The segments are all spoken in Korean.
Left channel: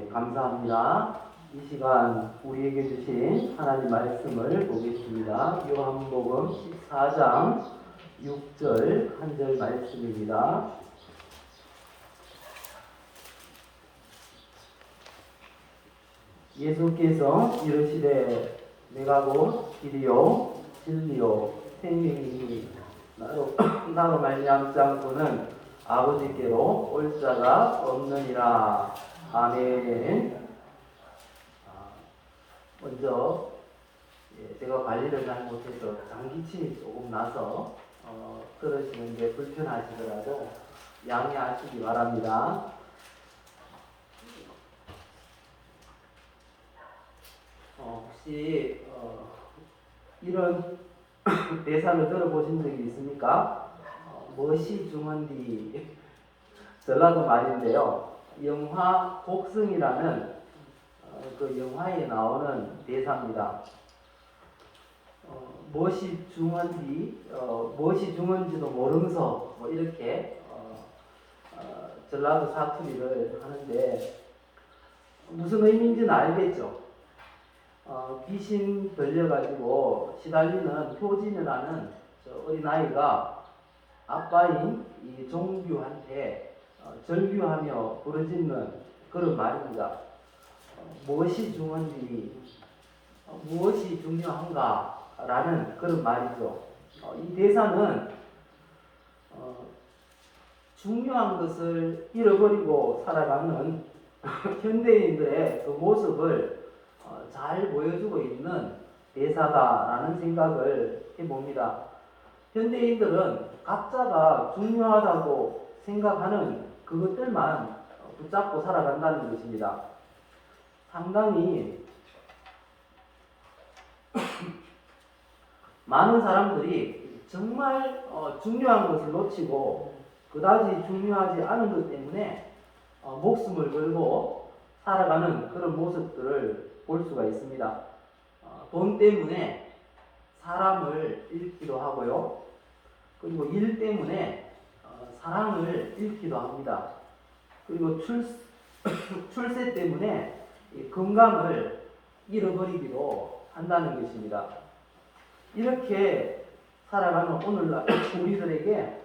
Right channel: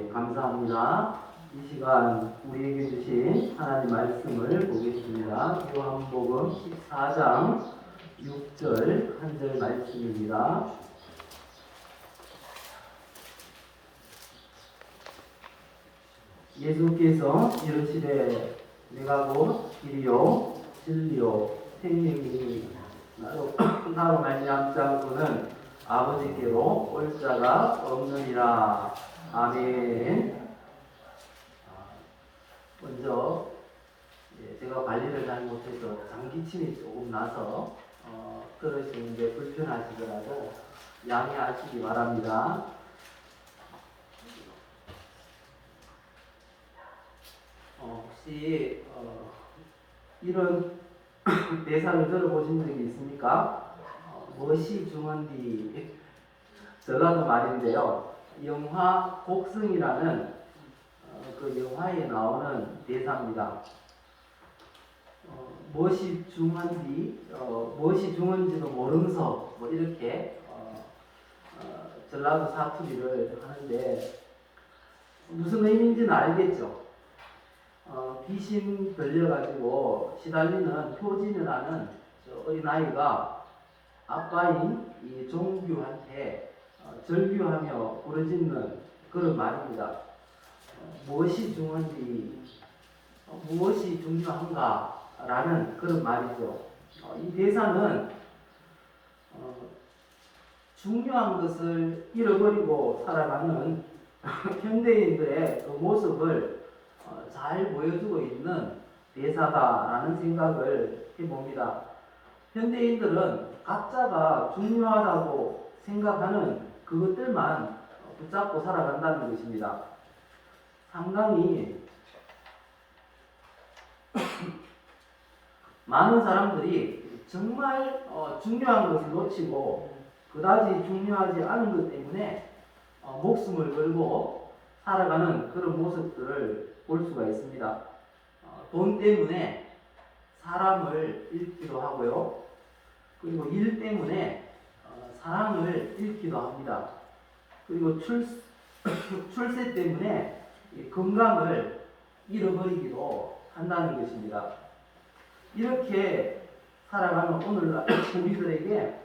네, 감사합니다. 이 시간 우리에게 주신 하나님 말씀을 보겠습니다. 요한복음 14장 6절 한 절 말씀입니다. 예수께서 이르시되 내가 곧 길이요 진리요 생명이니 나로 말미암지 않고는 아버지께로 올 자가 없느니라. 아멘. 먼저 제가 관리를 잘 못해서 장기침이 조금 나서 들으시는 게 불편하시더라도 양해하시기 바랍니다. 혹시 이런 대사를 들어보신 적이 있습니까? 무엇이 중헌디, 전라도 말인데요. 영화 곡성이라는 그 영화에 나오는 대사입니다. 무엇이 중헌디, 무엇이 중헌지도 모르면서 뭐 이렇게 전라도 사투리를 하는데 무슨 의미인지는 알겠죠. 귀신 들려가지고 시달리는 효진이라는 어린아이가 아빠인 이 종규한테 절규하며 부르짖는 그런 말입니다. 무엇이 중요한지, 무엇이 중요한가 라는 그런 말이죠. 이 대사는 중요한 것을 잃어버리고 살아가는 현대인들의 그 모습을 잘 보여주고 있는 대사다라는 생각을 해봅니다. 현대인들은 각자가 중요하다고 생각하는 그것들만 붙잡고 살아간다는 것입니다. 상당히 많은 사람들이 정말 중요한 것을 놓치고 그다지 중요하지 않은 것 때문에 목숨을 걸고 살아가는 그런 모습들을 볼 수가 있습니다. 돈 때문에 사람을 잃기도 하고요. 그리고 일 때문에 사랑을 잃기도 합니다. 그리고 출세 때문에 건강을 잃어버리기도 한다는 것입니다. 이렇게 살아가는 오늘날 우리들에게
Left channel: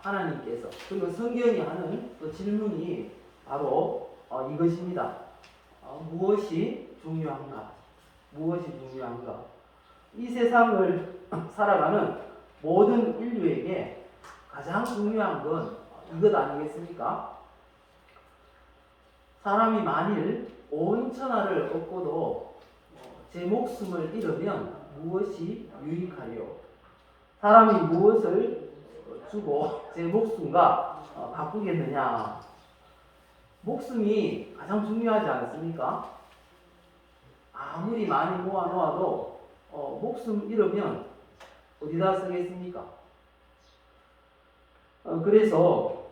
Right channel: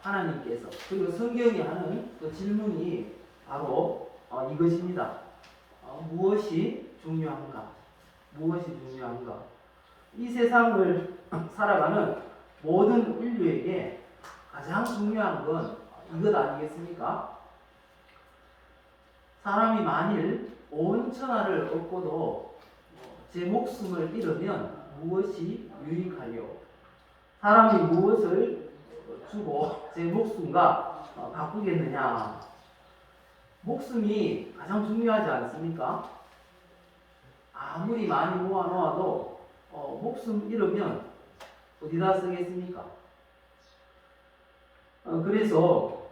하나님께서, 그리고 성경이 하는 또 질문이 바로 이것입니다. 무엇이 중요한가? 무엇이 중요한가? 이 세상을 살아가는 모든 인류에게 가장 중요한 건 이것 아니겠습니까? 사람이 만일 온 천하를 얻고도 제 목숨을 잃으면 무엇이 유익하리요? 사람이 무엇을 주고 제 목숨과 바꾸겠느냐? 목숨이 가장 중요하지 않습니까? 아무리 많이 모아놓아도 목숨 잃으면 어디다 쓰겠습니까? 그래서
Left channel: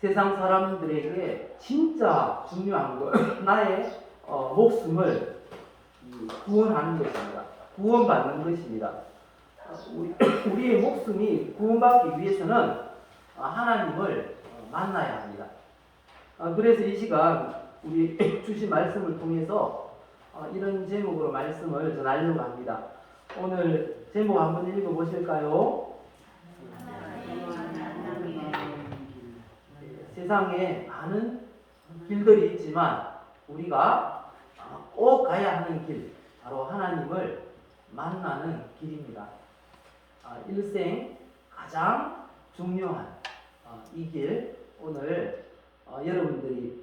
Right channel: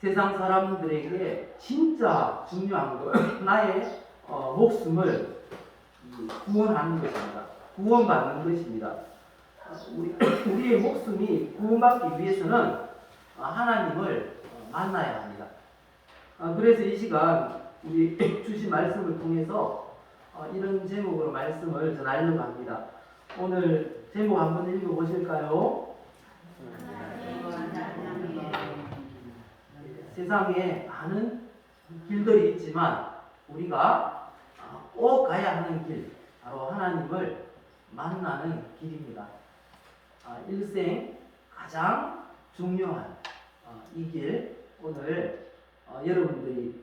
세상 사람들에게 진짜 중요한 것, 나의 목숨을 구원하는 것입니다. 구원받는 것입니다. 우리의 목숨이 구원받기 위해서는 하나님을 만나야 합니다. 그래서 이 시간 우리 주신 말씀을 통해서 이런 제목으로 말씀을 전하려고 합니다. 오늘 제목 한번 읽어보실까요? 세상에 많은 길들이 있지만 우리가 꼭 가야 하는 길, 바로 하나님을 만나는 길입니다. 일생 가장 중요한 이 길, 오늘 여러분들이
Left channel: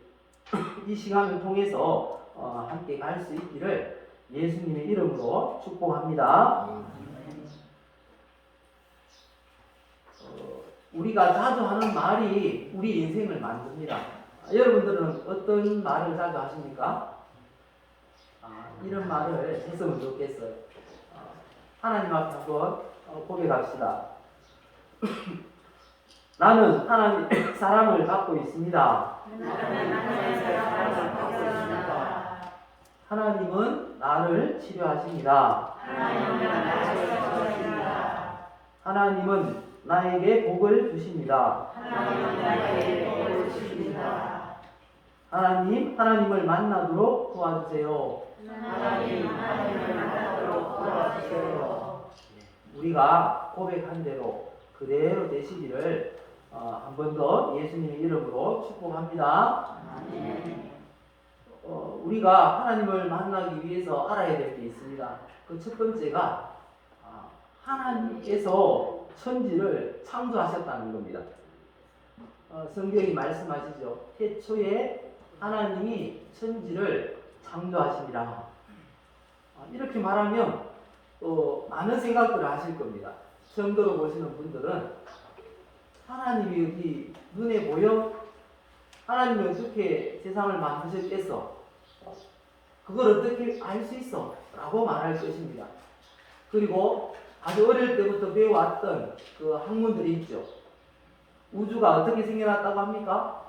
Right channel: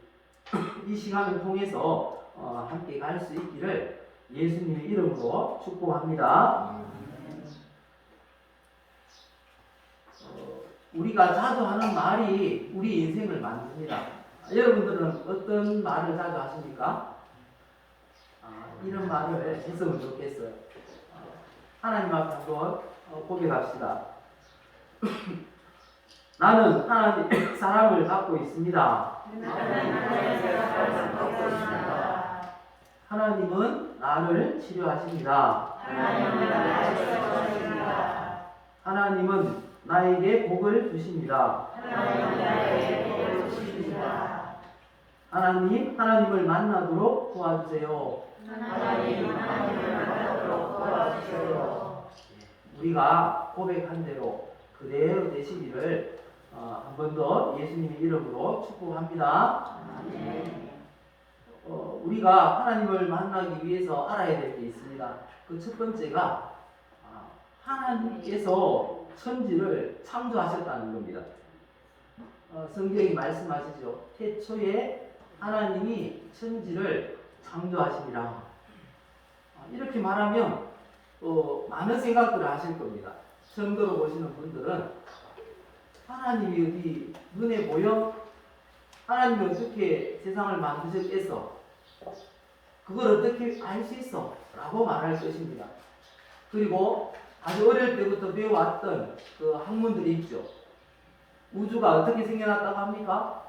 이 시간을 통해서 함께 갈 수 있기를 예수님의 이름으로 축복합니다. 우리가 자주 하는 말이 우리 인생을 만듭니다. 여러분들은 어떤 말을 자주 하십니까? 이런 말을 했으면 좋겠어요. 하나님 앞에 한번 고백합시다. 나는 하나님의 사랑을 받고 있습니다. 하나님은 나를 치료하십니다. 하나님은 나에게 복을 주십니다. 하나님을 만나도록 도와주세요. 우리가 고백한 대로 그대로 되시기를 한 번 더 예수님의 이름으로 축복합니다. 우리가 하나님을 만나기 위해서 알아야 될 게 있습니다. 그 첫 번째가 하나님께서 천지를 창조하셨다는 겁니다. 성경이 말씀하시죠. 태초에 하나님이 천지를 창조하시니라. 이렇게 말하면 많은 생각들을 하실 겁니다. 처음 들어보시는 분들은 하나님이 여기 눈에 보여? 하나님이 어떻게 세상을 만드셨겠어? 그걸 어떻게 알 수 있어? 라고 말할 것입니다. 그리고 아주 어릴 때부터 배워왔던 그 학문들이 있죠. 우주가 어떻게 생겨났다고 합니까?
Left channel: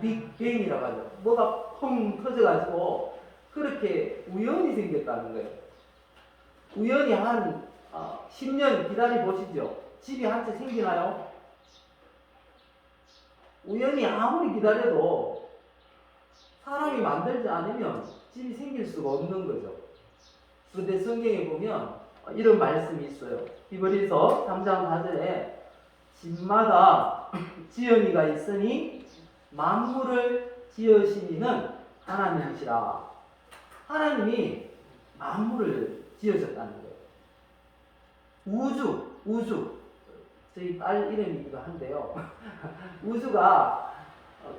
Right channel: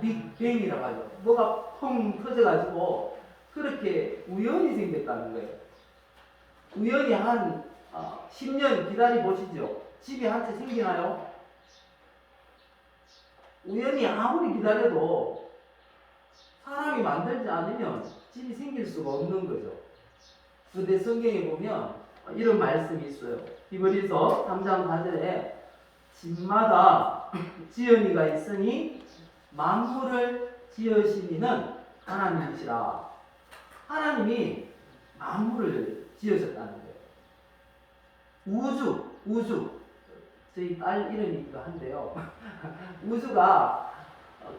빅뱅이라고 하죠. 뭐가 펑 터져가지고 그렇게 우연히 생겼다는 거예요. 우연히 한 10년 기다려 보시죠. 집이 한 채 생기나요? 우연히 아무리 기다려도 사람이 만들지 않으면 집이 생길 수가 없는 거죠. 그런데 성경에 보면 이런 말씀이 있어요. 히브리서 3장 4절에 집마다 지연이가 있으니 만물을 지으시니는 하나님이시라. 하나님이 만물을 지으셨다는 거예요. 우주. 저희 딸 이름이기도 한데요. 우주가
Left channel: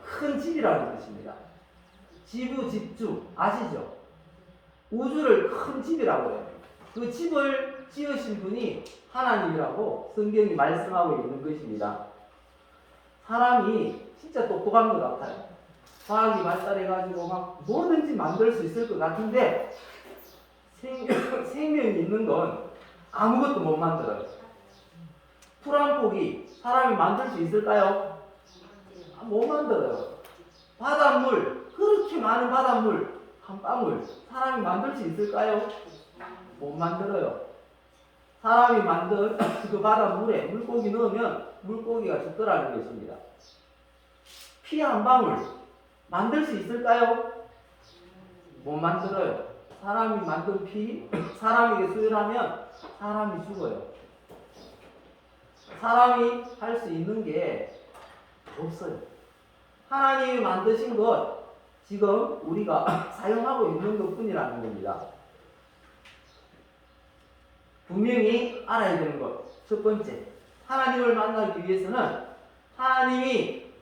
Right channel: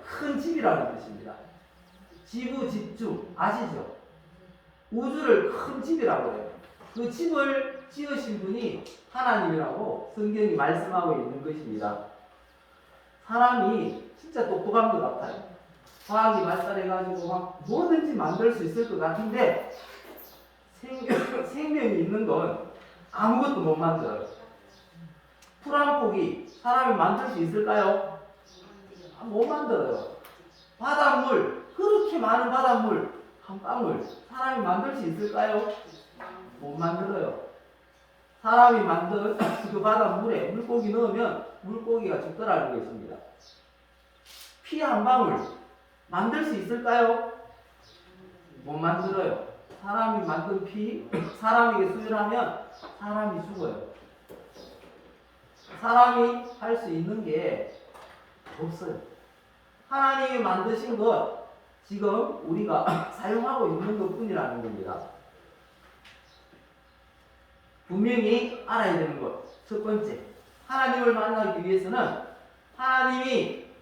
큰 집이라는 뜻입니다. 지구, 집주 아시죠? 우주를 큰 집이라고 해요. 그 집을 지으신 분이 하나님이라고 성경이 말씀하고 있는 것입니다. 사람이 진짜 똑똑한 것 같아요. 과학이 발달해가지고 막 뭐든지 만들 수 있을 것 같은데 생명이 있는 건 아무것도 못 만들어요. 풀 한 폭이 사람이 만들 수 있을까요? 못 만들어요. 바닷물, 그렇게 많은 바닷물 한 방울 사람이 만들 수 있을까요? 못 만들어요. 사람이 만든 그 바닷물에 물고기 넣으면 물고기가 죽더라는 것입니다. 피 한 방울 만들 수 있을까요? 못 만들어요. 사람이 만든 피, 사람에게 수혈하면 사람이 죽어요. 사람이 할 수 있는 게 없어요. 하나님이 만드신 것, 지금 우리가 사용하고 있는 것 뿐이라는 겁니다. 분명히 알아야 되는 것. 첫 번째, 하나님을 만나기 위해서는 하나님이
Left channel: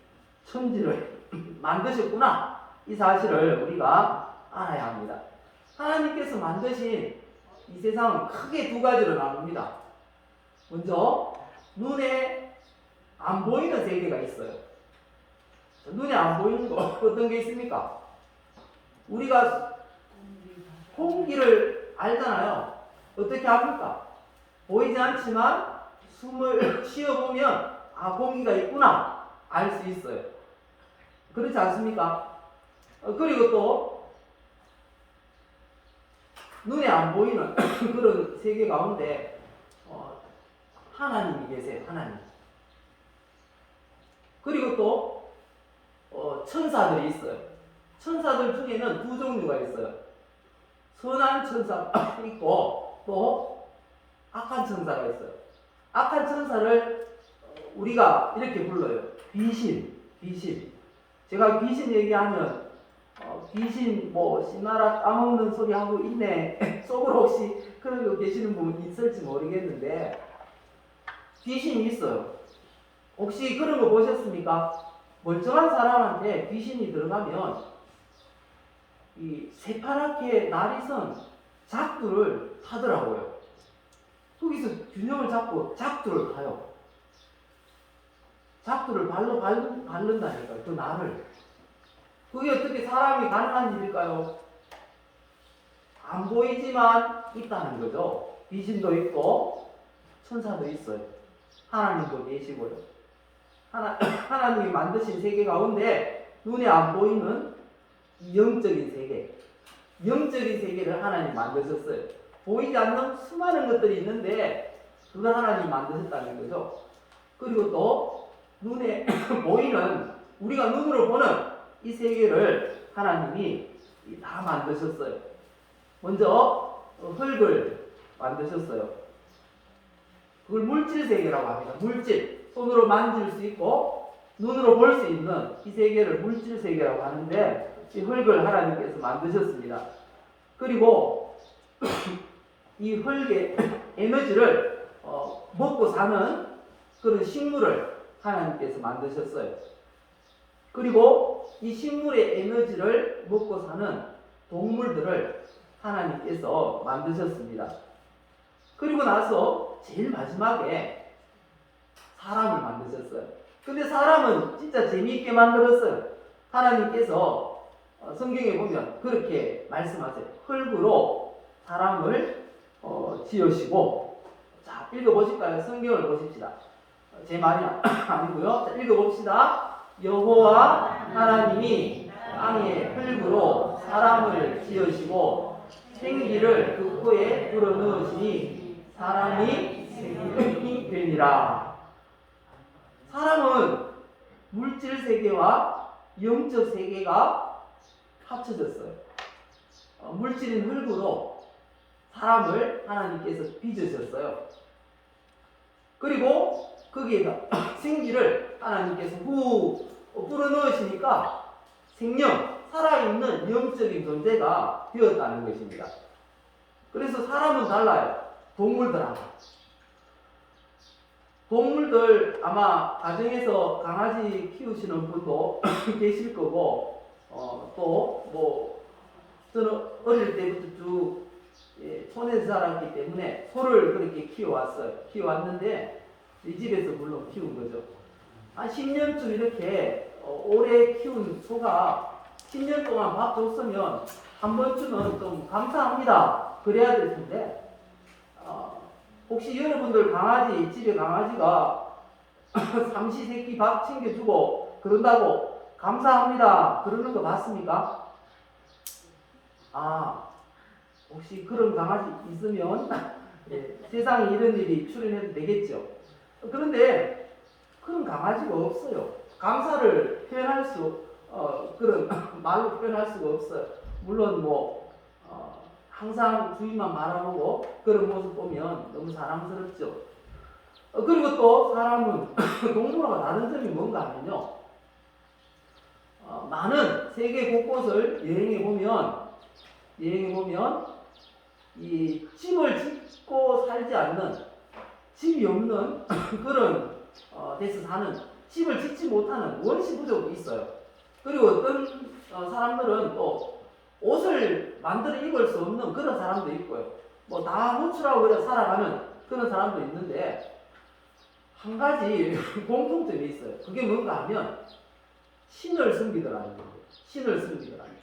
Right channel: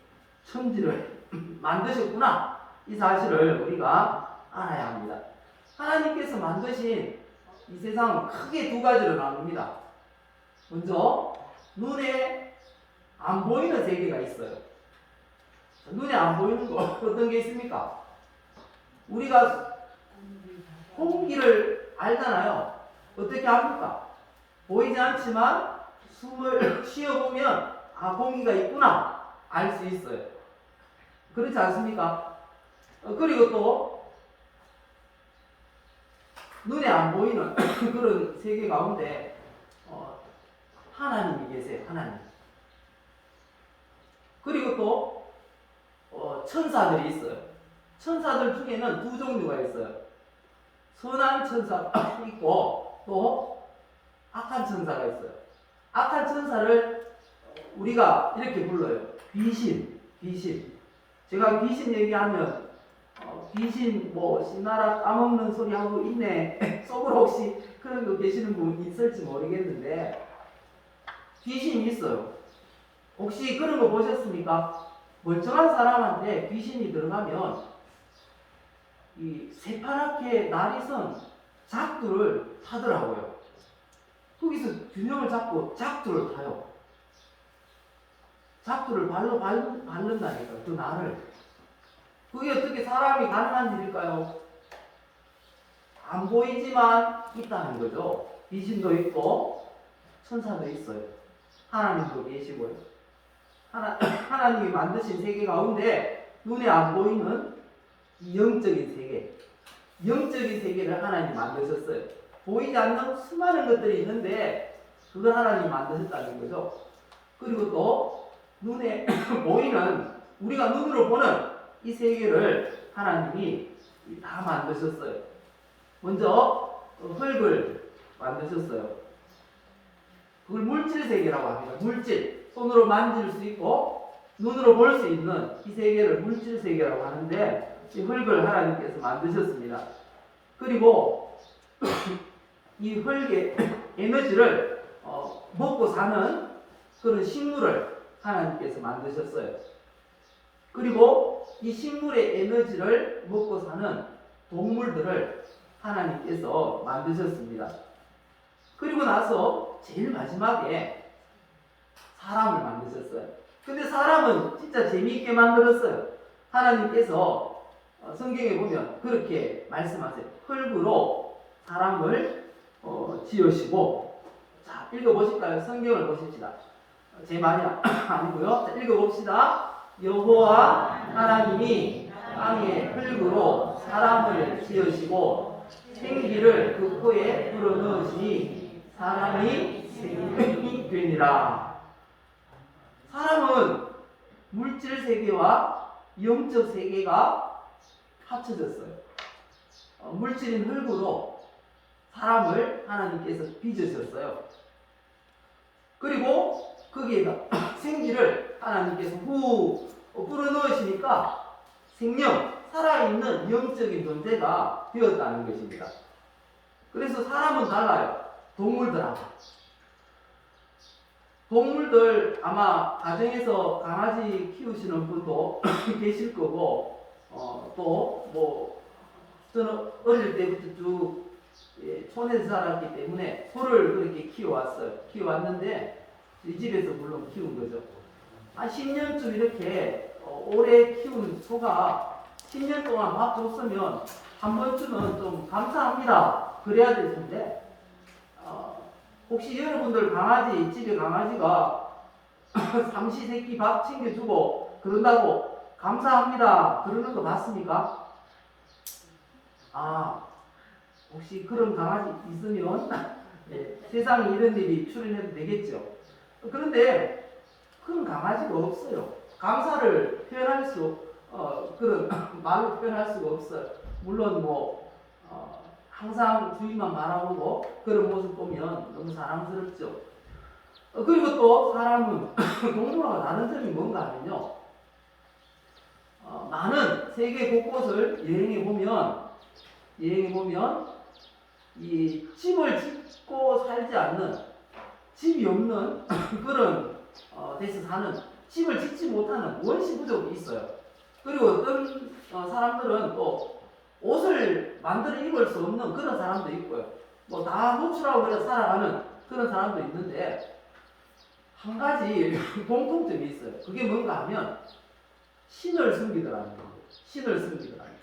천지를 만드셨구나. 이 사실을 우리가 알아야 합니다. 하나님께서 만드신 이 세상은 크게 두 가지로 나눕니다. 먼저 눈에 안 보이는 세계가 있어요. 눈에 안 보이는 거 어떤 게 있습니까? 우리가 공기를 알잖아요. 어떻게 합니까? 보이지 않지만 숨을 쉬어보면 공기가 있구나 알 수 있어요. 그렇지 않습니까? 그리고 또 눈에 안 보이는 그런 세계 가운데 하나님이 계세요. 하나님. 그리고 또 천사들이 있어요. 천사들 중에는 두 종류가 있어요. 선한 천사가 있고 또 악한 천사가 있어요. 악한 천사를 우리가 이렇게 불러요. 귀신. 제가 귀신 얘기하면 귀신 씨나라 까먹는 소리 하고 있네 속으로 혹시 그러고 계시는 분 있을지 모르겠는데 귀신이 있어요. 혹시 그런 거 보셨습니까? 멀쩡한 사람한테 귀신이 들어가면 이 새파랗게 날이 선 작두를 타더라고요. 거기서 균형을 잡고 작두를 타요. 작두를 발로 바른다니까요. 그 날을. 그게 어떻게 사람이 가능한 일일까요? 안 보이지만 있다는 거죠. 귀신도 있고 천사도 있어요. 하나님도 계시고요. 하나님이 만드신 세계 가운데 눈에 안 보이는 영적인 세계, 영적인 세계를 하나님이 만드셨어요. 보이지 않는 수많은 것들이 있는데 그걸 하나님이 만드셨다는 거죠. 그리고 또 눈에 보이는 우리가 눈으로 보는 이 세계를 하나님이 다 만드셨어요. 먼저 흙을 만드셨어요. 그걸 물질 세계라고 합니다. 물질, 손으로 만질 수 있고 눈으로 볼 수 있는 이 세계를 물질 세계라고 하는데 이 흙을 하나님께서 만드셨습니다. 그리고 이 흙의 에너지를 먹고 사는 그런 식물을 하나님께서 만드셨어요. 그리고 이 식물의 에너지를 먹고 사는 동물들을 하나님께서 만드셨습니다. 그리고 나서 제일 마지막에 사람을 만드셨어요. 근데 사람은 진짜 재미있게 만들었어요. 하나님께서 성경에 보면 그렇게 말씀하세요. 흙으로 사람을 지으시고, 자, 읽어보실까요? 성경을 보십시다. 제 말이 아니고요. 자, 읽어봅시다. 여호와 하나님이 땅에 흙으로 사람을 지으시고 생기를 그 코에 불어넣으시니 사람이 생명이 되니라. 사람은 물질 세계와 영적 세계가 합쳐졌어요. 물질인 흙으로 사람을 하나님께서 빚으셨어요. 그리고 거기에 생기를 하나님께서 불어넣으시니까 생명, 살아있는 영적인 존재가 되었다는 것입니다. 그래서 사람은 달라요. 동물들하고. 동물들 아마 가정에서 강아지 키우시는 분도 계실 거고, 또 뭐 저는 어릴 때부터 쭉 촌에서 자랐기 때문에 소를 그렇게 키워왔어요. 키워왔는데 이 집에서 물론 키운 거죠. 한 10년쯤 이렇게 오래 키운 소가 10년 동안 밥 줬으면 한 번쯤은 좀 감사합니다 그래야 될 텐데, 혹시 여러분들 강아지, 집에 강아지가 삼시세끼 밥 챙겨주고 그런다고 감사합니다 그러는 거 봤습니까? 혹시 그런 강아지 있으면 세상에 이런 일이 출현해도 되겠죠. 그런데 그런 강아지가 없어요. 감사를 표현할 수 그런 말로 표현할 수가 없어요. 물론 뭐 항상 주인만 바라보고 그런 모습 보면 너무 사랑스럽죠. 그리고 또 사람은 동물과 다른 점이 뭔가 하면요, 많은 세계 곳곳을 여행해 보면 이 집을 짓고 살지 않는, 집이 없는 그런 데서 사는, 집을 짓지 못하는 원시 부족이 있어요. 그리고 어떤 사람들은 또 옷을 만들어 입을 수 없는 그런 사람도 있고요. 뭐 다 노출하고 그래 살아가는 그런 사람도 있는데, 한 가지 공통점이 있어요. 그게 뭔가 하면 신을 섬기더라는 거예요. 신을 섬기더라는 거예요.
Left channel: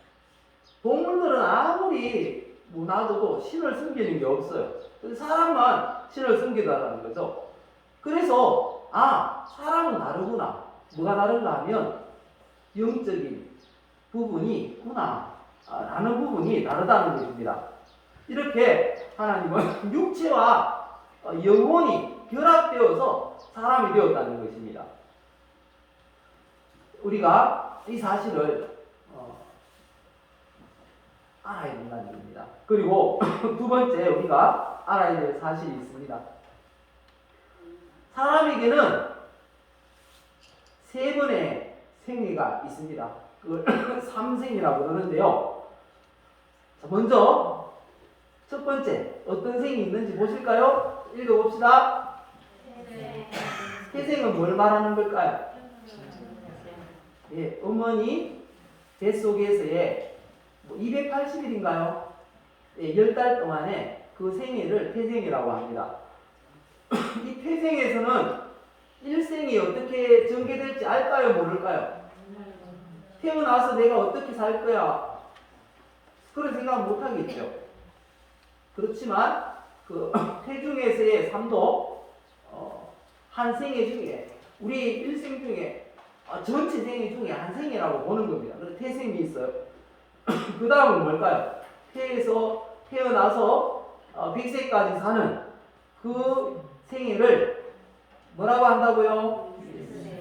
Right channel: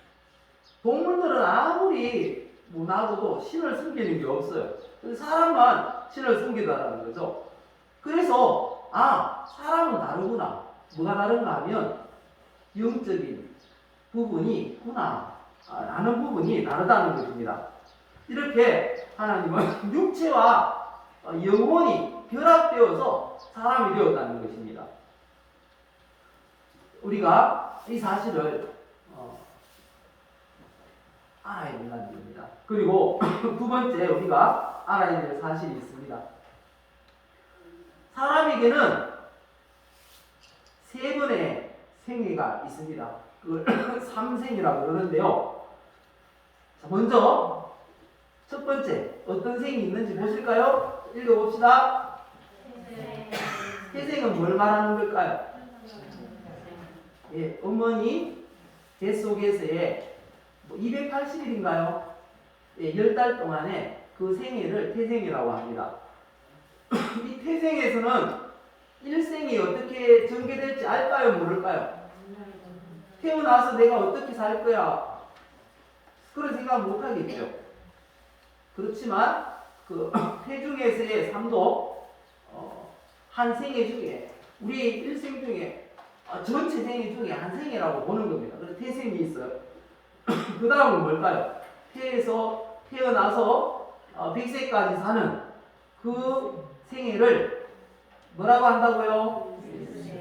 동물들은 아무리 놔둬도 신을 섬기는 게 없어요. 사람만 신을 섬기더라는 거죠. 그래서 사람은 다르구나. 뭐가 다른가 하면 영적인 부분이 있구나 라는 부분이 다르다는 것입니다. 이렇게 하나님은 육체와 영혼이 결합되어서 사람이 되었다는 것입니다. 우리가 이 사실을 알아야 된다는 겁니다. 그리고 두 번째 우리가 알아야 될 사실이 있습니다. 사람에게는 세 번의 생애가 있습니다. 그걸 삼생이라고 그러는데요. 자, 먼저 첫 번째 어떤 생이 있는지 보실까요? 읽어봅시다. 태생은 뭘 말하는 걸까요? 어머니 뱃속에서의 280일인가요? 10달 동안에 그 생애를 태생이라고 합니다. 이 태생에서는 일생이 어떻게 전개될지 알까요? 모를까요? 태어나서 내가 어떻게 살 거야? 그런 생각 못 하겠죠. 그렇지만 그 태중에서의 삶도 한 생애 중에, 우리 일생 중에 전체 생애 중에 한 생애라고 보는 겁니다. 그래서 태생이 있어요. 그 다음은 뭘까요? 태어나서 100세까지 사는 그 생애를 뭐라고 한다고요?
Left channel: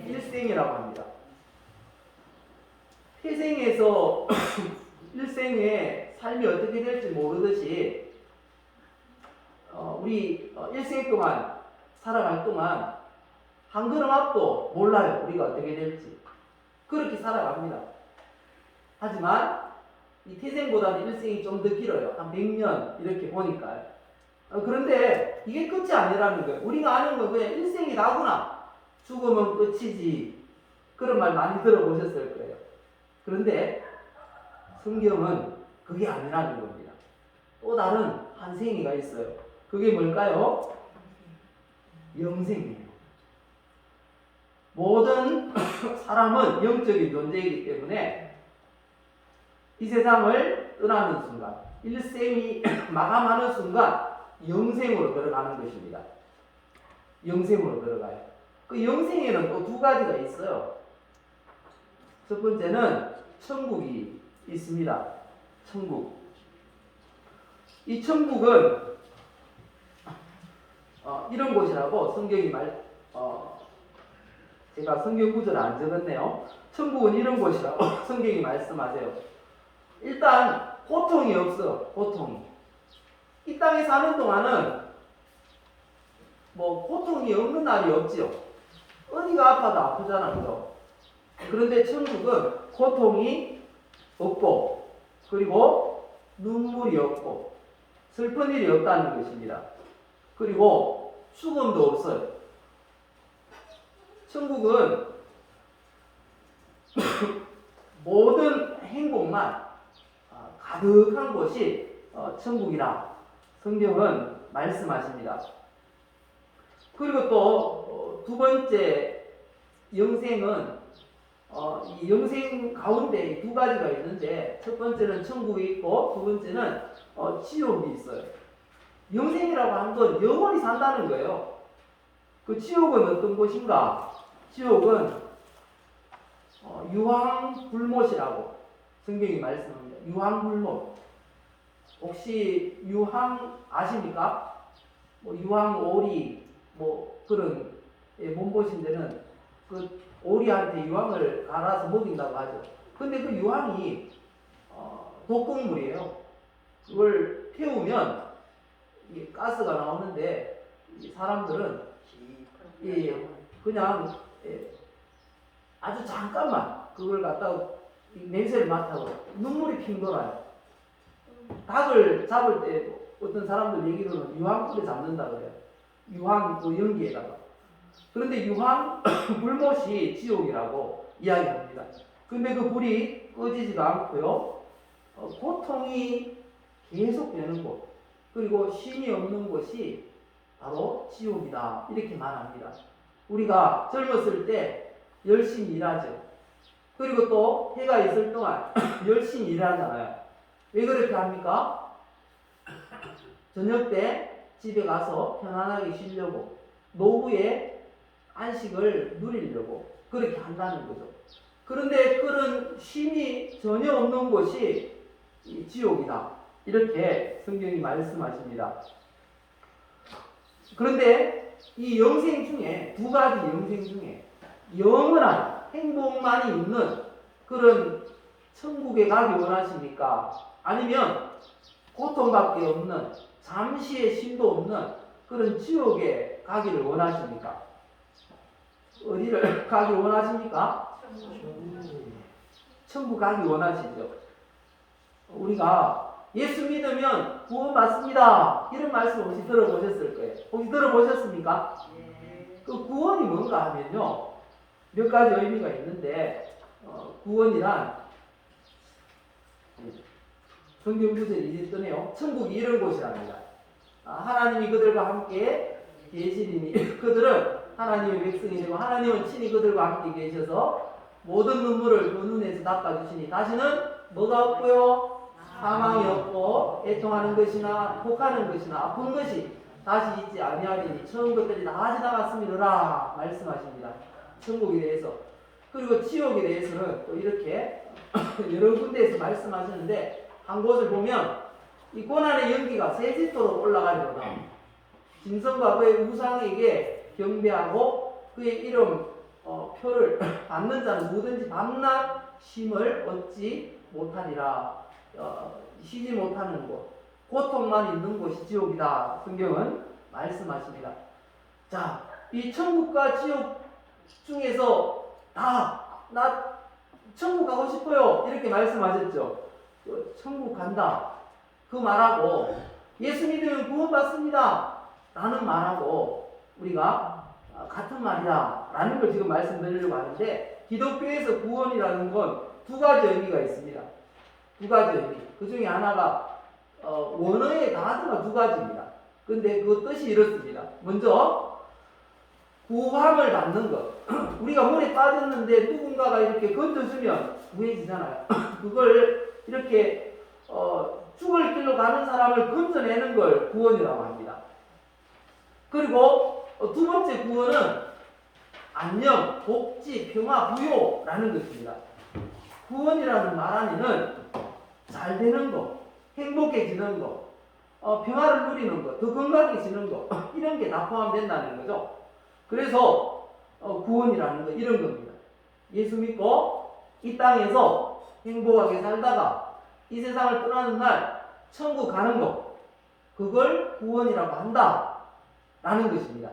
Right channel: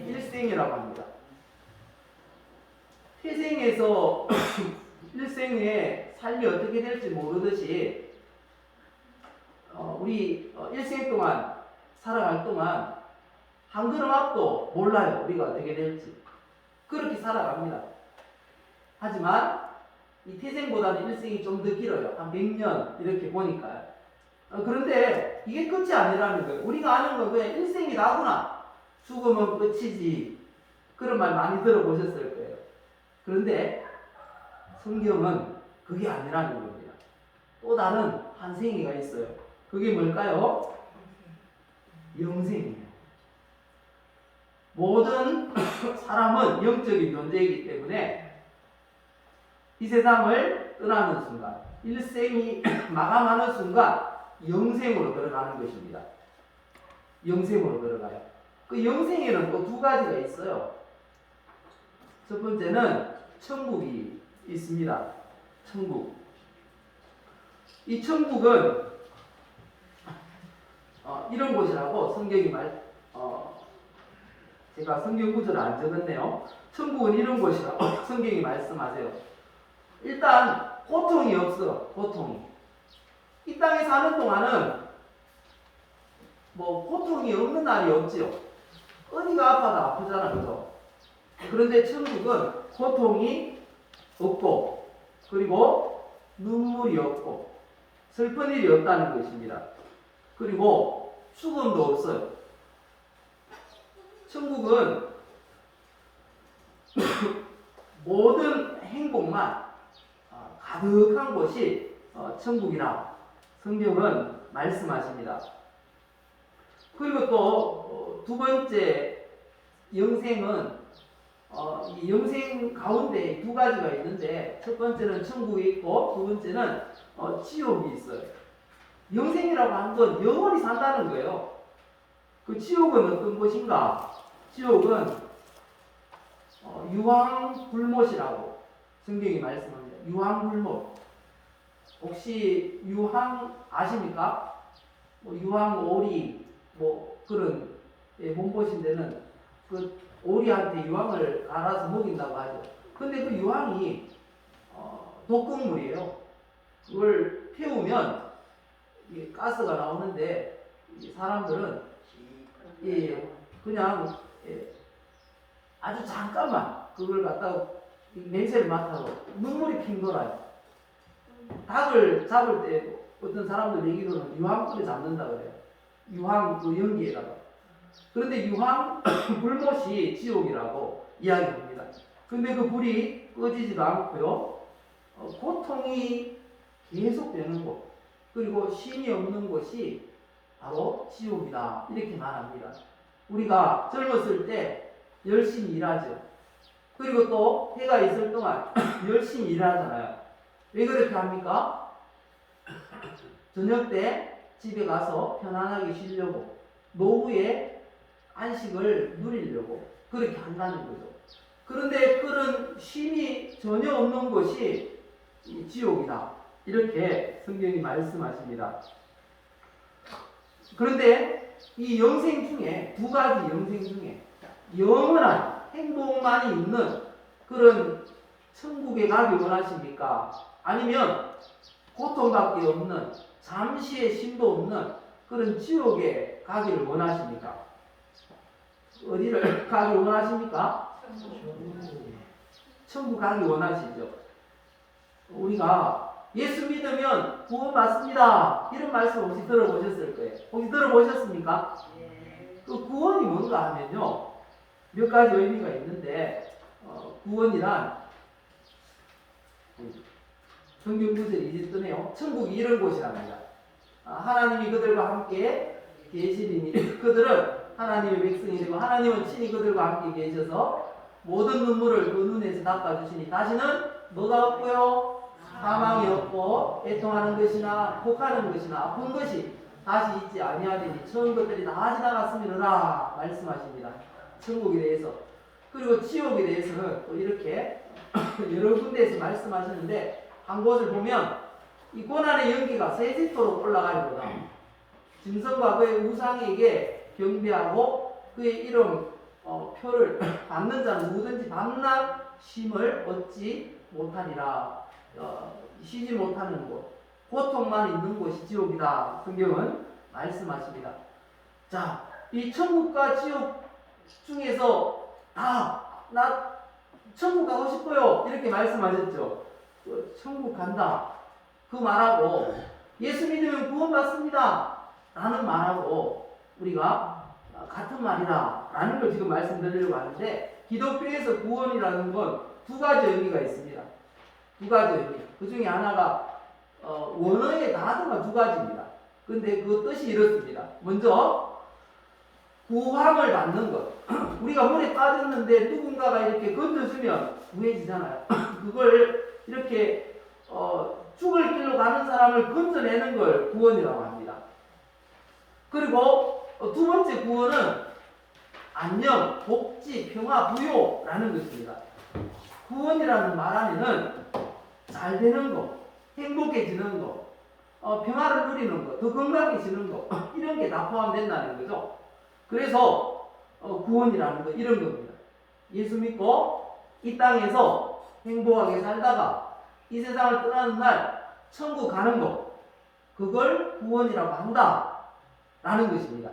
일생이라고 합니다. 태생에서 일생의 삶이 어떻게 될지 모르듯이 우리 일생 동안 살아갈 동안 한 걸음 앞도 몰라요. 우리가 어떻게 될지. 그렇게 살아갑니다. 하지만 이 태생보다는 일생이 좀 더 길어요. 한 100년 이렇게 보니까요. 그런데 이게 끝이 아니라는 거예요. 우리가 아는 건 그냥 일생이 나구나. 죽으면 끝이지. 그런 말 많이 들어보셨을 거예요. 그런데 성경은 그게 아니라는 겁니다. 또 다른 한 생애가 있어요. 그게 뭘까요? 영생이에요. 모든 사람은 영적인 존재이기 때문에 이 세상을 떠나는 순간, 일생이 마감하는 순간 영생으로 들어가는 것입니다. 영생으로 들어가요. 그 영생에는 또 두 가지가 있어요. 첫 번째는 천국이 있습니다. 천국. 이 천국은 이런 곳이라고 성경이 제가 성경 구절을 안 적었네요. 천국은 이런 곳이라고 성경이 말씀하세요. 일단 고통이 없어요. 고통이. 이 땅에 사는 동안은 뭐 고통이 없는 날이 없지요. 어디가 아파도 아프잖아, 그죠? 그런데 천국은 고통이 없고, 그리고 눈물이 없고, 슬픈 일이 없다는 것입니다. 그리고 죽음도 없어요. 천국은 모든 행복만 가득한 곳이 천국이라 성경은 말씀하십니다. 그리고 또 두 번째 영생은 이 영생 가운데 두 가지가 있는데 첫 번째는 천국이 있고 두 번째는 지옥이 있어요. 영생이라고 하는 건 영원히 산다는 거예요. 그 지옥은 어떤 곳인가? 지옥은 유황불못이라고 성경이 말씀합니다. 유황불못. 혹시 유황 아십니까? 뭐 유황오리 뭐 그런 몸보신 데는 그 오리한테 유황을 갈아서 먹인다고 하죠. 근데 그 유황이 독극물이에요. 그걸 태우면 이게 가스가 나오는데 사람들은 그냥 아주 잠깐만 그걸 갖다가 냄새를 맡아서 눈물이 핑 돌아요. 닭을 잡을 때 어떤 사람들 얘기로는 유황불에 잡는다 그래요. 유황 그 연기에다가. 그런데 유황 불못이 지옥이라고 이야기합니다. 근데 그 불이 꺼지지도 않고요. 고통이 계속되는 곳, 그리고 쉼이 없는 곳이 바로 지옥이다. 이렇게 말합니다. 우리가 젊었을 때 열심히 일하죠. 그리고 또 해가 있을 동안 열심히 일하잖아요. 왜 그렇게 합니까? 저녁 때 집에 가서 편안하게 쉬려고, 노후에 안식을 누리려고 그렇게 한다는 거죠. 그런데 그런 쉼이 전혀 없는 곳이 지옥이다. 이렇게 성경이 말씀하십니다. 그런데 이 영생 중에 두 가지 영생 중에 영원한 행복만이 있는 그런 천국에 가기 원하십니까? 아니면 고통밖에 없는 잠시의 쉼도 없는 그런 지옥에 가기를 원하십니까? 어디를 가기 원하십니까? 천국 가기 원하시죠. 우리가 예수 믿으면 구원받습니다. 이런 말씀 혹시 들어보셨을 거예요. 혹시 들어보셨습니까? 그 구원이 뭔가 하면요. 몇 가지 의미가 있는데 구원이란 성경 구절이 이제 뜨네요. 천국이 이런 곳이랍니다. 하나님이 그들과 함께 계시리니 그들은 하나님의 백성이 되고 하나님은 친히 그들과 함께 계셔서 모든 눈물을 그 눈에서 닦아주시니 다시는 뭐가 없고요? 사망이 없고 애통하는 것이나 혹하는 것이나 아픈 것이 다시 있지 아니하리니 처음 것들이 다 지나갔음이라 말씀하십니다. 천국에 대해서. 그리고 지옥에 대해서는 또 이렇게 여러 군데에서 말씀하시는데 한 곳을 보면 이 고난의 연기가 세집도로 올라가려다 짐승과 그의 우상에게 경배하고 그의 이름 표를 받는 자는 누구든지 밤낮 쉼을 얻지 못하리라. 쉬지 못하는 곳, 고통만 있는 곳이 지옥이다. 성경은 말씀하십니다. 자, 이 천국과 지옥 중에서 나 천국 가고 싶어요. 이렇게 말씀하셨죠. 천국 간다. 그 말하고 예수 믿으면 구원받습니다. 라는 말하고 우리가 같은 말이다. 라는 걸 지금 말씀드리려고 하는데 기독교에서 구원이라는 건 두 가지 의미가 있습니다. 두 가지 의미. 그 중에 하나가 원어의 단어가 두 가지입니다. 근데 그 뜻이 이렇습니다. 먼저 구함을 받는 것. 우리가 물에 빠졌는데 누군가가 이렇게 건져주면 구해지잖아요. 그걸 이렇게 죽을 길로 가는 사람을 건져내는 걸 구원이라고 합니다. 그리고 두 번째 구원은 안녕, 복지, 평화, 부요라는 것입니다. 구원이라는 말 안에는 잘 되는 거, 행복해지는 거, 평화를 누리는 거, 더 건강해지는 거 이런 게 다 포함된다는 거죠. 그래서 구원이라는 거 이런 겁니다. 예수 믿고 이 땅에서 행복하게 살다가 이 세상을 떠나는 날 천국 가는 거, 그걸 구원이라고 한다 라는 것입니다.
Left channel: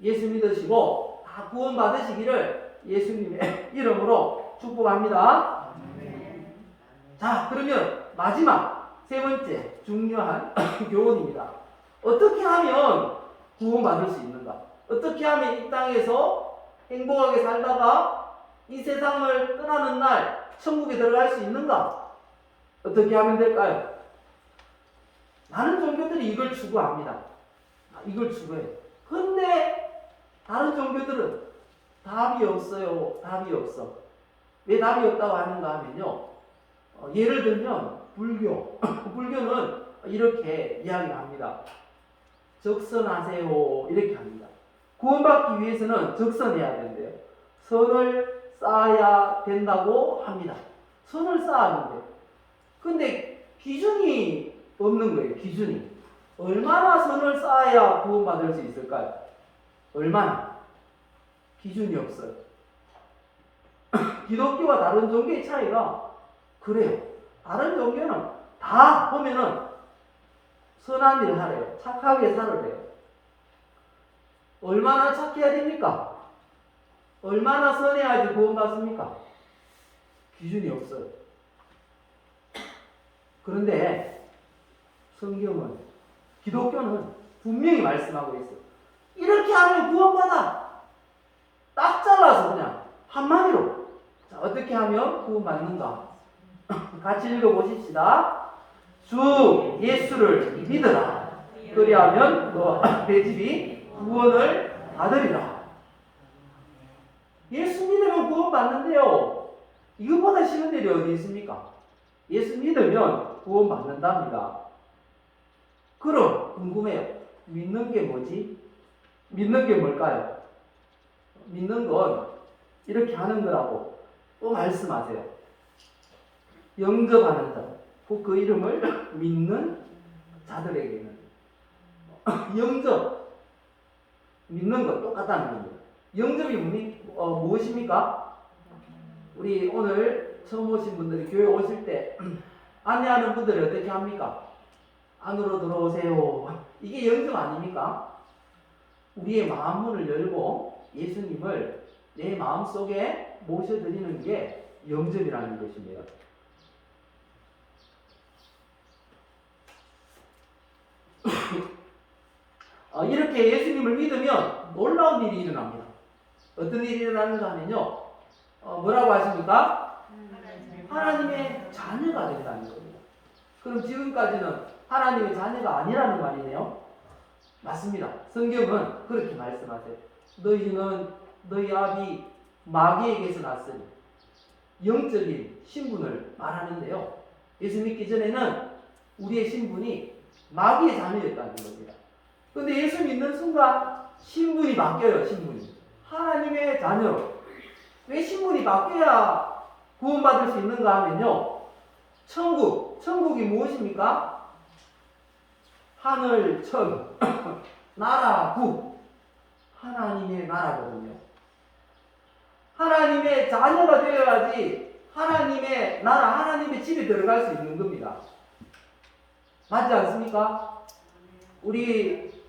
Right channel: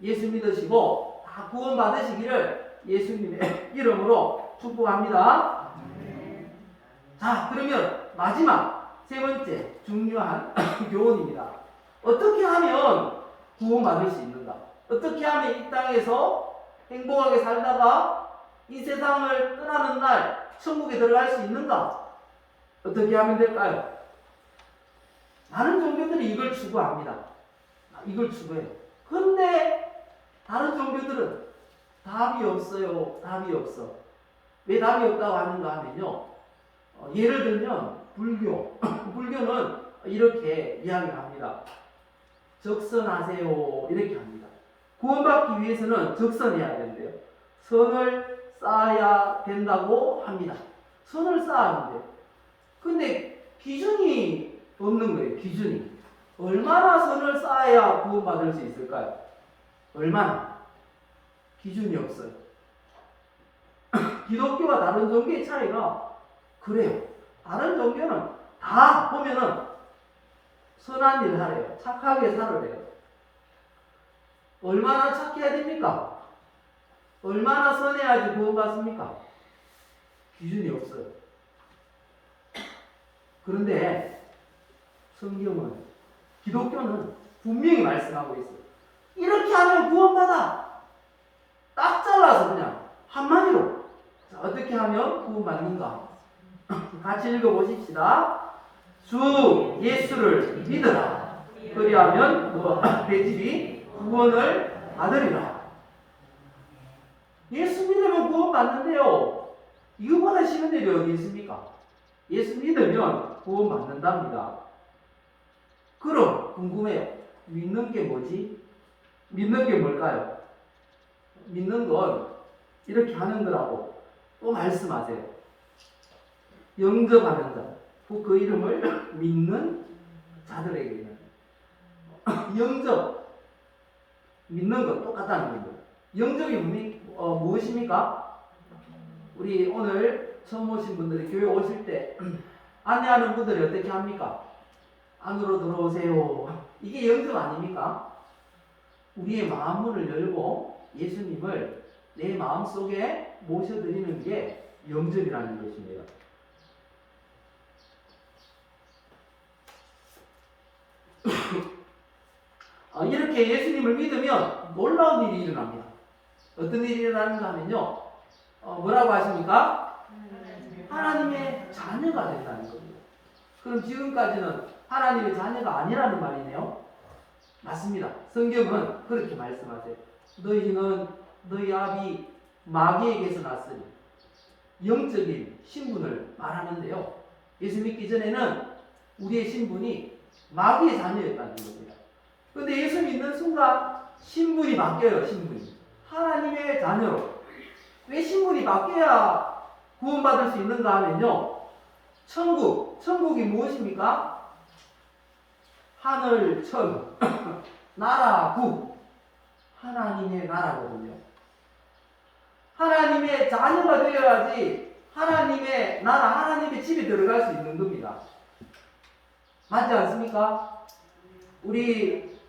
예수 믿으시고 다 구원 받으시기를 예수님의 이름으로 축복합니다. 자, 그러면 마지막 세 번째 중요한 교훈입니다. 어떻게 하면 구원 받을 수 있는가? 어떻게 하면 이 땅에서 행복하게 살다가 이 세상을 떠나는 날 천국에 들어갈 수 있는가? 어떻게 하면 될까요? 많은 종교들이 이걸 추구합니다. 이걸 추구해요. 근데 다른 종교들은 답이 없어요. 답이 없어. 왜 답이 없다고 하는가 하면요. 예를 들면 불교. 불교는 이렇게 이야기합니다. 적선하세요. 이렇게 합니다. 구원받기 위해서는 적선해야 된대요. 선을 쌓아야 된다고 합니다. 선을 쌓았는데 근데 기준이 없는 거예요. 기준이. 얼마나 선을 쌓아야 구원받을 수 있을까요? 얼마나? 기준이 없어요. 기독교와 다른 종교의 차이가 그래요. 다른 종교는 다 보면은 선한 일 하래요. 착하게 살으래요. 얼마나 착해야 됩니까? 얼마나 선해야지 구원받습니까? 기준이 없어요. 그런데 성경은, 기독교는 분명히 말씀하고 있어요. 이렇게 하면 구원받아. 딱 잘라서 그냥 한마디로. 자, 어떻게 하면 구원받는가? 같이 읽어보십시다. 주 예수를 믿으라. 그리하면 내 집이 구원을 받으리라. 예수 믿으면 구원받는데요. 이거보다 쉬운 일이 어디 있습니까? 예수 믿으면 구원받는답니다. 그럼 궁금해요. 믿는 게 뭐지? 믿는 게 뭘까요? 믿는 건 이렇게 하는 거라고 또 말씀하세요. 영접하는 자. 그 이름을 믿는 자들에게는 영접, 믿는 건 똑같다는 거예요. 영접이 무엇입니까? 우리 오늘 처음 오신 분들이 교회 오실 때 안내하는 분들이 어떻게 합니까? 안으로 들어오세요. 이게 영접 아닙니까? 우리의 마음문을 열고 예수님을 내 마음속에 모셔드리는 게 영접이라는 것입니다. 이렇게 예수님을 믿으면 놀라운 일이 일어납니다. 어떤 일이 일어나는가 하면요. 뭐라고 하십니까? 하나님의 자녀가 된다는 겁니다. 그럼 지금까지는 하나님의 자녀가 아니라는 말이네요. 맞습니다. 성경은 그렇게 말씀하세요. 너희는 너희 아비 마귀에게서 났으니 영적인 신분을 말하는데요. 예수 믿기 전에는 우리의 신분이 마귀의 자녀였다는 겁니다. 그런데 예수 믿는 순간 신분이 바뀌어요. 신분이 하나님의 자녀로. 왜 신분이 바뀌어야 구원받을 수 있는가 하면요. 천국이 무엇입니까? 하늘, 천, 나라, 국. 하나님의 나라거든요. 하나님의 자녀가 되어야지 하나님의 나라, 하나님의 집에 들어갈 수 있는 겁니다. 맞지 않습니까? 우리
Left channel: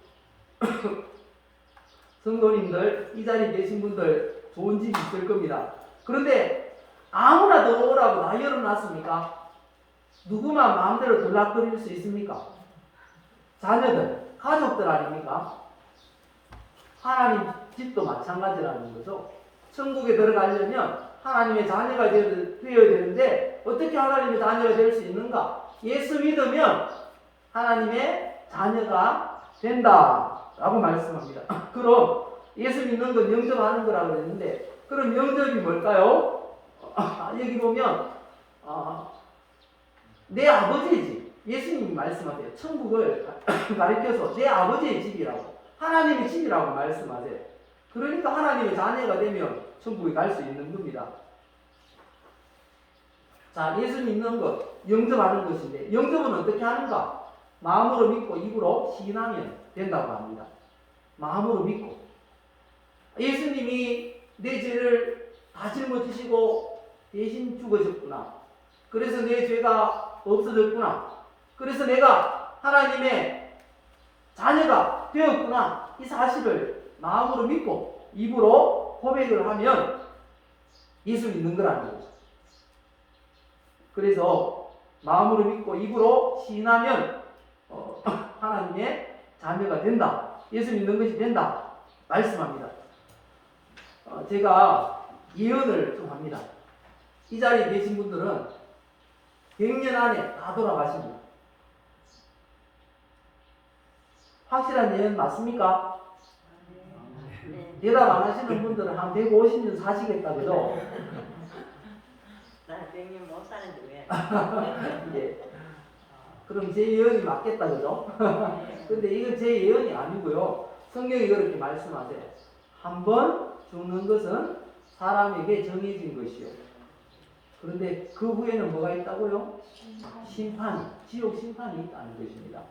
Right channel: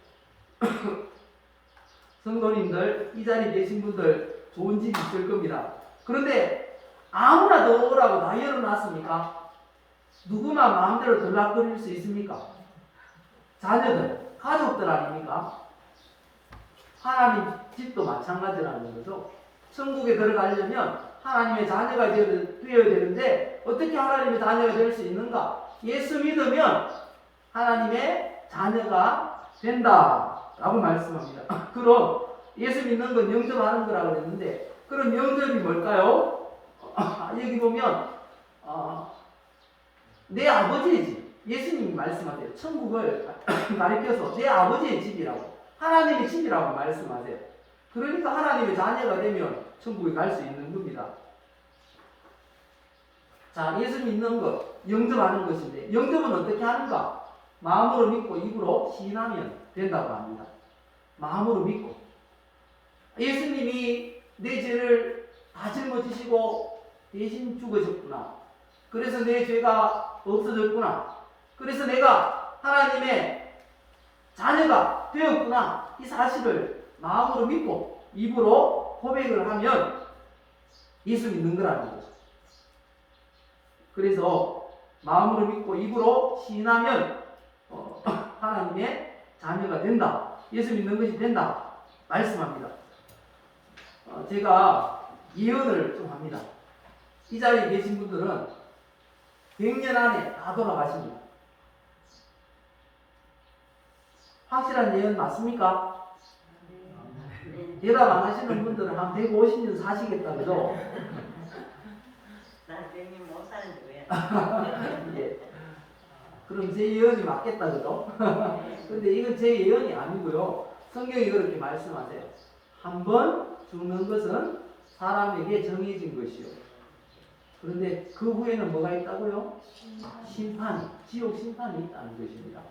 성도님들, 이 자리에 계신 분들 좋은 집이 있을 겁니다. 그런데 아무나 들어오라고 다 열어놨습니까? 누구만 마음대로 들락거릴 수 있습니까? 자녀들, 가족들 아닙니까? 하나님 집도 마찬가지라는 거죠. 천국에 들어가려면 하나님의 자녀가 되어야 되는데 어떻게 하나님의 자녀가 될 수 있는가? 예수 믿으면 하나님의 자녀가 된다라고 말씀합니다. 그럼 예수 믿는 건 영접하는 거라고 그랬는데 그럼 영접이 뭘까요? 여기 보면 내 아버지의 집. 예수님이 말씀하세요. 천국을 가리켜서 내 아버지의 집이라고, 하나님의 집이라고 말씀하세요. 그러니까 하나님의 자녀가 되면 천국에 갈 수 있는 겁니다. 자, 예수 믿는 것, 영접하는 것인데 영접은 어떻게 하는가? 마음으로 믿고 입으로 시인하면 된다고 합니다. 마음으로 믿고. 예수님이 내 죄를 다 짊어지시고 대신 죽으셨구나. 그래서 내 죄가 없어졌구나. 그래서 내가 하나님의 자녀가 되었구나. 이 사실을 마음으로 믿고 입으로 고백을 하면 예수 믿는 거라는 거죠. 그래서 마음으로 믿고 입으로 시인하면 하나님의 자녀가 된다. 예수 믿는 것이 된다. 말씀합니다. 제가 예언을 좀 합니다. 이 자리에 계신 분들은 100년 안에 다 돌아가십니다. 확실한 예언 맞습니까? 대답 안 하시는 분들은 한 150년 사시겠다, 그죠? 예. 그럼 제 예언이 맞겠다, 그죠? 근데 이건 제 예언이 아니고요. 성경이 그렇게 말씀하세요. 한 번 죽는 것은 사람에게 정해진 것이요. 그런데 그 후에는 뭐가 있다고요? 심판이, 지옥 심판이 있다는 것입니다.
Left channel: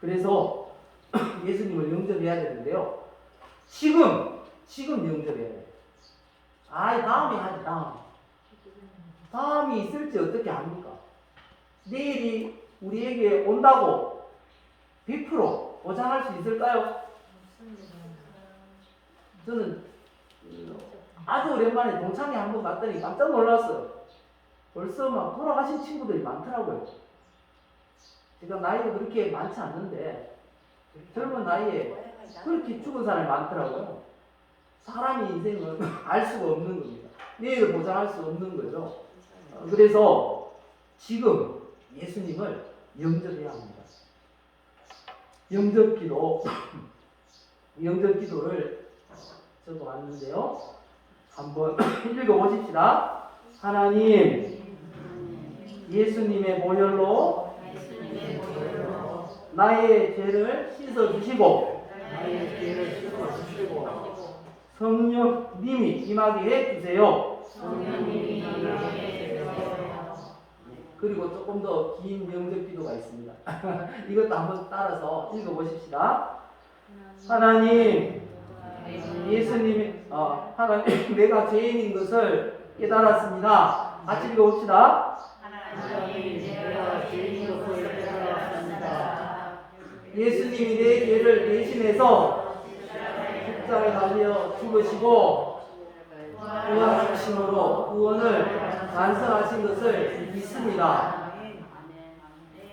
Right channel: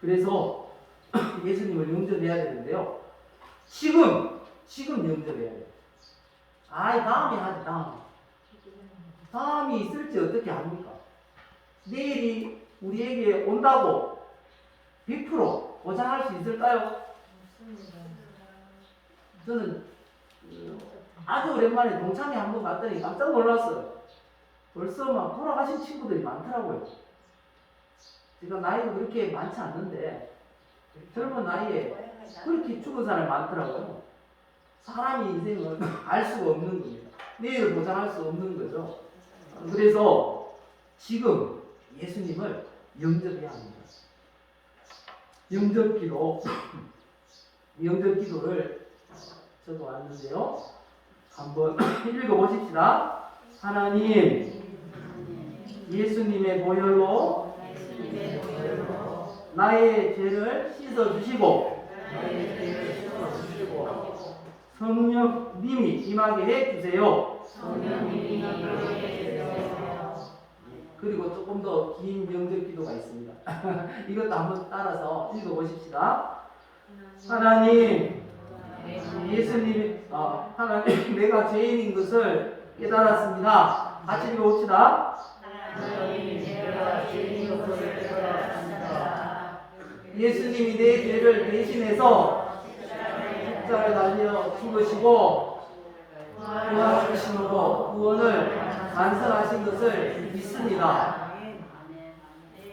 그래서 예수님을 영접해야 되는데요. 지금 영접해야 돼요. 다음에 하지, 다음이 있을지 어떻게 합니까? 내일이 우리에게 온다고 100% 보장할 수 있을까요? 저는 아주 오랜만에 동창회 한번 갔더니 깜짝 놀랐어요. 벌써 막 돌아가신 친구들이 많더라고요. 제가 나이가 그렇게 많지 않는데 젊은 나이에 그렇게 죽은 사람이 많더라고요. 사람의 인생은 알 수가 없는 겁니다. 내일을 보장할 수 없는 거죠. 그래서 지금 예수님을 영접해야 합니다. 영접 기도를 적어 왔는데요. 한번 읽어보십시다. 하나님, 예수님의 보혈로 나의 죄를 씻어주시고 성령님이 임하게 해주세요. 그리고 조금 더 긴 영접 기도가 있습니다. 이것도 한번 따라서 읽어보십시다. 하나님, 예수님이 하나님, 내가 죄인인 것을 깨달았습니다. 같이 읽어봅시다. 예수님이 내 죄를 대신해서 십자가에 달려 죽으시고 부활하심으로 구원을 완성하신 것을 믿습니다.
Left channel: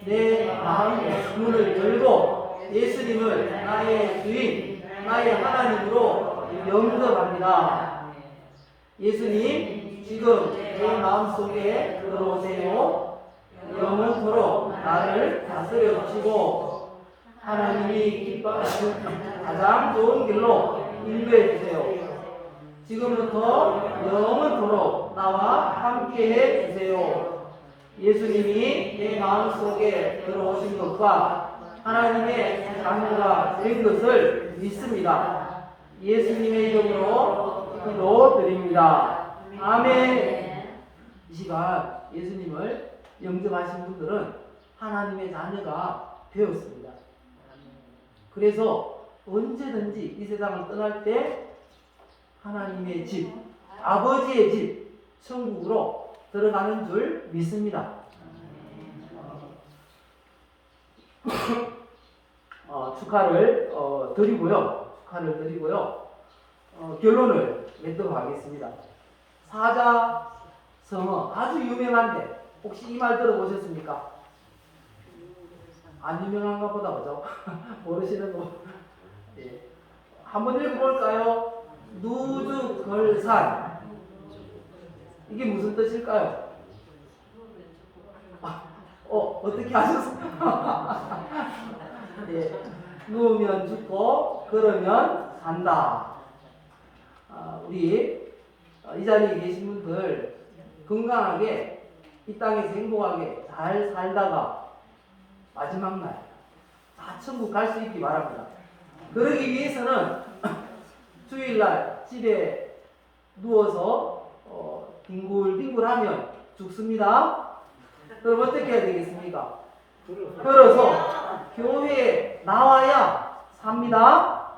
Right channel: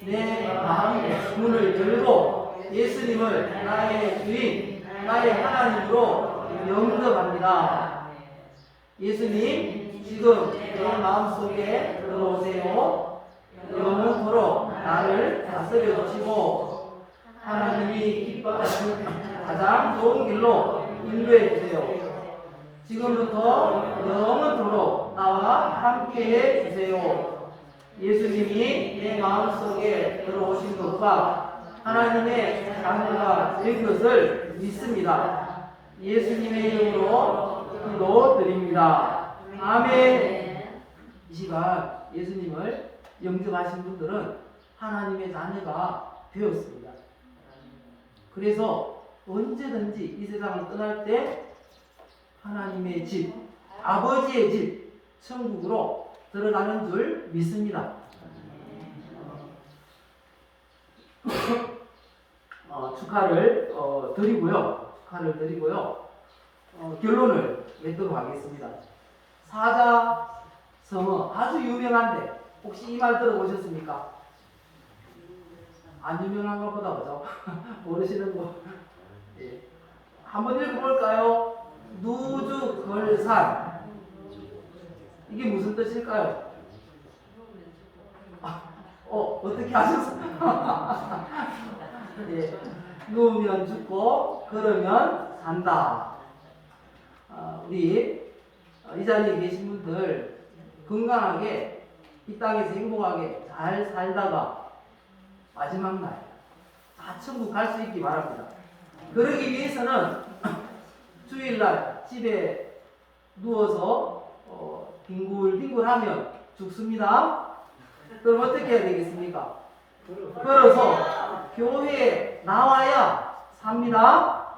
내 마음의 문을 열고 예수님을 나의 주인, 나의 하나님으로 영접합니다. 예수님, 지금 내 마음속에 들어오세요. 영원토록 나를 다스려 주시고 하나님이 기뻐하시는 가장 좋은 길로 인도해 주세요. 지금부터 영원토록 나와 함께 해 주세요. 예수님이 내 마음속에 들어오신 것과 하나님의 자녀가 된 것을 믿습니다. 예수님의 이름으로 기도드립니다. 아멘. 이 시간 예수님을 영접하신 분들은 하나님의 자녀가 되었습니다. 그래서 언제든지 이 세상을 떠날 때 하나님의 집, 아버지의 집, 천국으로 들어가는 줄 믿습니다. 축하를 드리고요. 결론을 맺도록 하겠습니다. 사자성어 아주 유명한데 혹시 이 말 들어보셨습니까? 안 유명한가 보다 그죠? 모르시는 분. 예. 한번 읽어볼까요? 누주걸산. 이게 무슨 뜻일까요? 어떻게 하셨어요? 예. 누우면 죽고 걸으면 산다. 우리 이 자리에 계신 분들 건강하게 이 땅에서 행복하게 잘 살다가 마지막 날 다 천국 갈 수 있기 바랍니다. 그러기 위해서는 주일날 집에 누워서 뒹굴뒹굴하면 죽습니다. 그럼 어떻게 해야 되겠습니까? 걸어서 교회에 나와야 삽니다.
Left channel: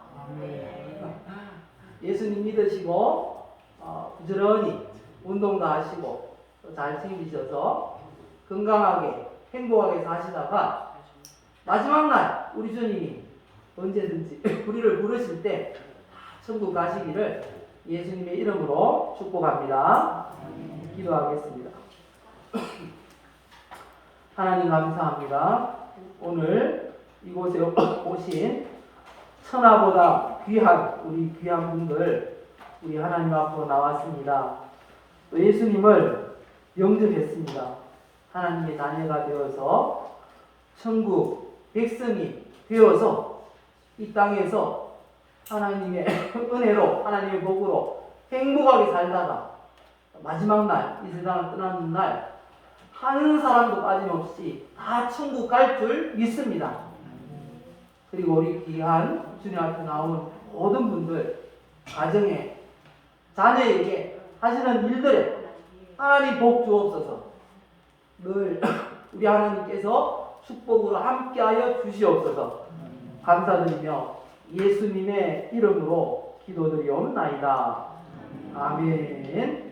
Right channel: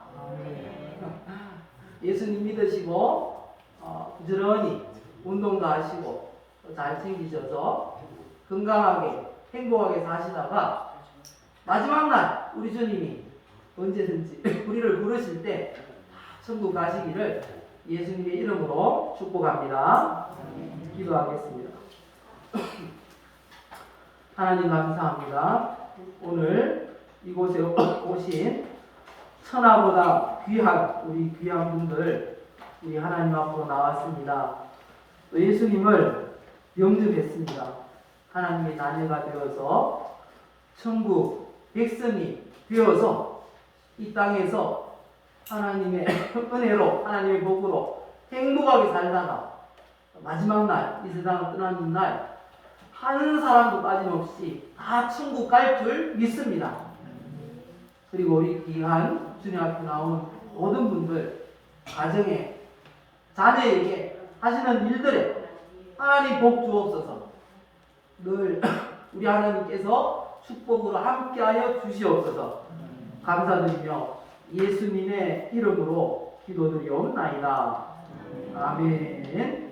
예수님 믿으시고 부지런히 운동도 하시고 잘 챙기셔서 건강하게 행복하게 사시다가 마지막 날 우리 주님이 언제든지 우리를 부르실 때 천국 가시기를 예수님의 이름으로 축복합니다. 기도하겠습니다. 하나님 감사합니다. 오늘 이곳에 오신 천하보다 귀한 우리 귀한 분들 우리 하나님 앞으로 나왔습니다. 예수님을 영접했습니다. 하나님의 자녀가 되어서 천국 백성이 되어서 이 땅에서 하나님의 은혜로 하나님의 복으로 행복하게 살다가 마지막 날 이 세상을 떠나는 날 한 사람도 빠짐없이 다 천국 갈 줄 믿습니다. 그리고 우리 귀한 주님 앞에 나온 모든 분들 가정에 자녀에게 하시는 일들에 하나님 복 주옵소서. 늘 우리 하나님께서 축복으로 함께하여 주시옵소서. 감사드리며 예수님의 이름으로 기도드리옵나이다. 아멘.